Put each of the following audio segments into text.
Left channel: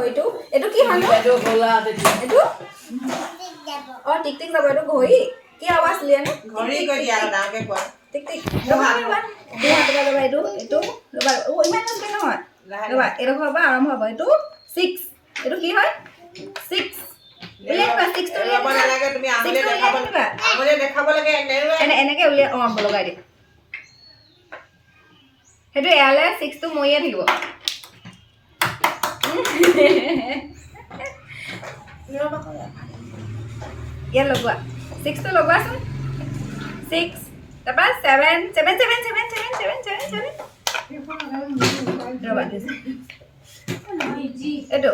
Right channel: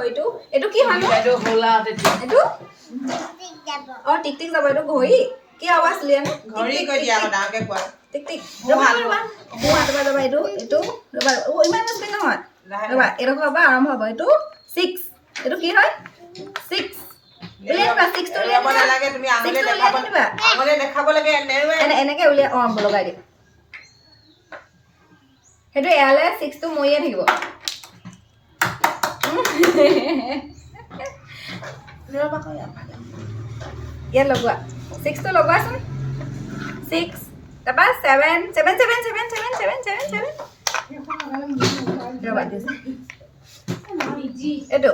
ঘড়ীটো এইটো কি হয় এইটো হোলা এইটো অ টিক টিক যাব এইটো ঘড়ী কি আৱাজ উলিয়াই নো ঘড়ী কৈ দিয়া ডাঙৰকে কোৱা টিক টিক ৰবা ৰবা এইটো ৰবা অ ইমান স্পীড নহয় ৰবা এইটো হ'ব আৰম্ভ হ'ব এইটো 6 এইটো কি হয় 6 উলিয়াই দিবা 6 টো উলিয়াই দিবা নালাগে তুমি আঙুলি দেখাব লাগে এনেকে উলিয়াই অ লগাই দি সেইটো এয়ালে 6 টো মৰিয়ে থাকিব ইয়াত লগোৱা 6 টো লগোৱাচোন 6 তাৰপা 7 ৰবা এইটো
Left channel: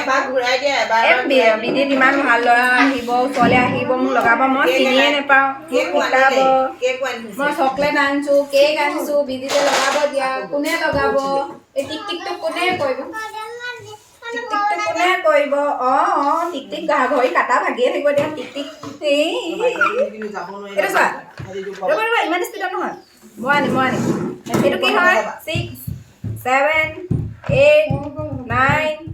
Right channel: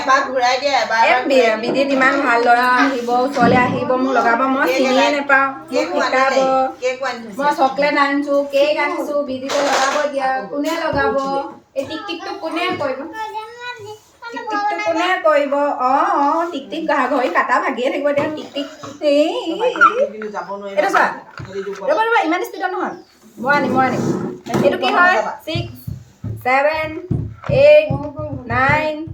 এবাৰ ঘূৰাই দিয়া এবাৰ বিদিত ইমান ভাল ল'ৰা আহিব ওচৰলৈ আহিব মোক লগাব মই চিনিয়ে নাপাওঁ শিকাব মই চকলেট আনিছো কেক আনিছো বিদিতে লগাব দিয়া কোনে লগাব এই টিক টিকটো কোনে কৰিব কোনে কৰিব অ টিক টিক ঘড়ী কাটা ভাগিয়ে থাকিব দিয়া টিক টিক এইটো চোৱা ৰবা ৰবা ইমান স্পীডত নহয় মই আনিম এইটো কি হয় 6 7 8 9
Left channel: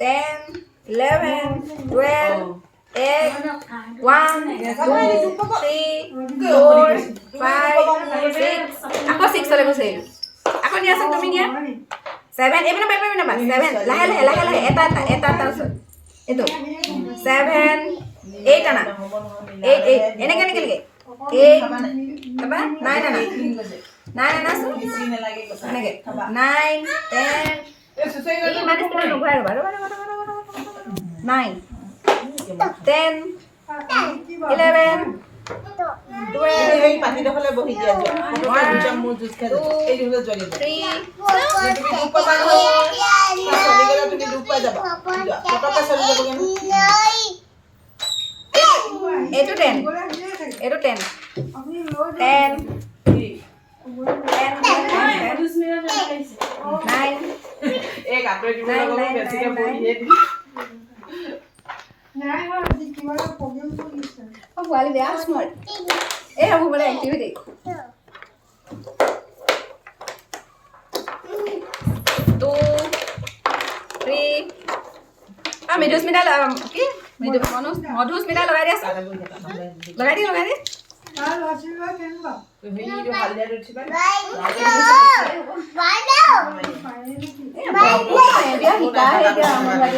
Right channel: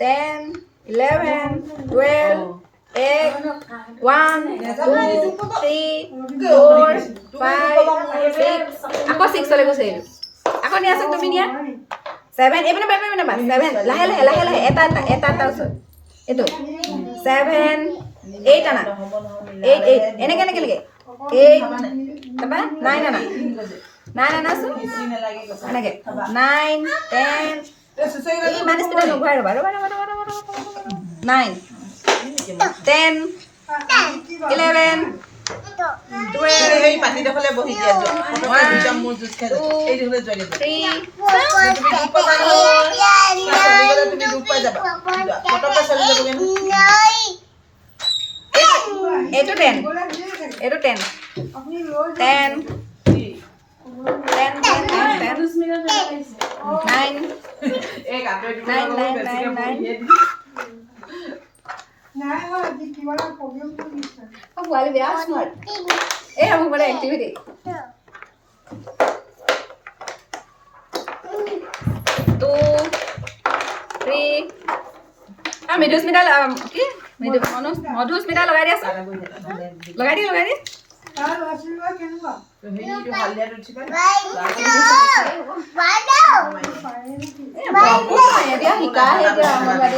10 11 12 8 1 2 3 4 5 6 আকৌ 6 চলে গৈছে আকৌ নিয়া আছে তুমি নিয়া 7 এইপিনে পাৰিবা নাবা 7 লাহে এটা এইটো 7 8 আনা 8 এনেকে লাগে 8 তাৰপা 9 আনা 9 আনাচোন এনেকে 9 10 ইমান স্পীডত নঘূৰাই ৰবা 9 10 11 12 এই পাতিডখলে বহি দিয়া যোৱা মোৰ জুচ খাই এই দিলে যোৱা দিয়া 3 তুমি দুখ পাবা নহয় তুমি দুখ পাই যাবা ফটকে চলি যাবগে এইটো 10 এইটো 10 এই কাটে দিব লগা বেছিকে বহিয়ে দি নাই আজি কিবা প্ৰবলেম কৰিছে পোৱালি বেয়া স্মাৰ্ট এই হ'ব মানে এক্টিভিটি 2 3 মধুস্মিতা কি মধুস্মিতা লগাই দিয়াচোন লগাই দি তাৰ ল'ৰা-ছোৱালী কেনেকুৱা হেৰিটো হালদিয়া উঠি পাই শিকাই